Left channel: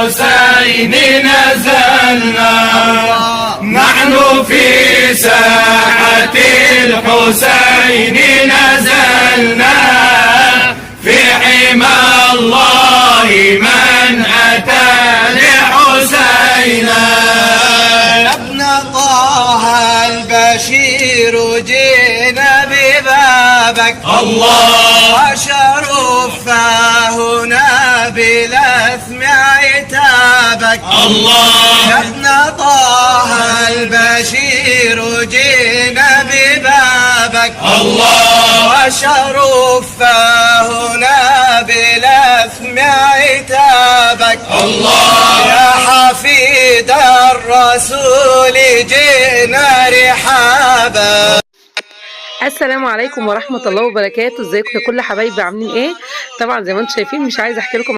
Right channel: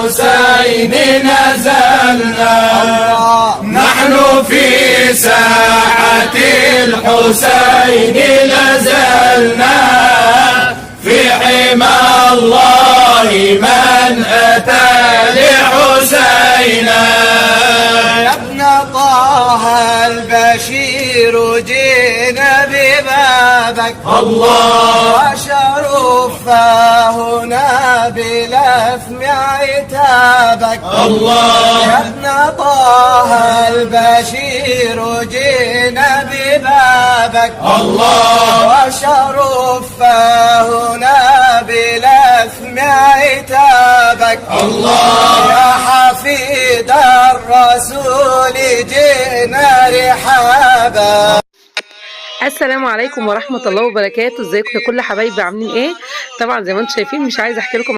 الحسين نزلنا، نحن في ساحة الحسين نزلنا، في حمى الله من أتى لحسينا. يا ابن طه البشير جينا ببابك الله، وشرف هنا بلثم عتابك. الله، يا ابن طه البشير جينا ببابك. الله، وشرف هنا بلثم عتابك. الله، يا حفيد الرسول جينا رحابا. السلام عليكم ورحمة الله وبركاته. ازيكم يا كل حبايبي، عاملين ايه؟ طبعا زي ما انتم شايفين مش عايزه احكي لكم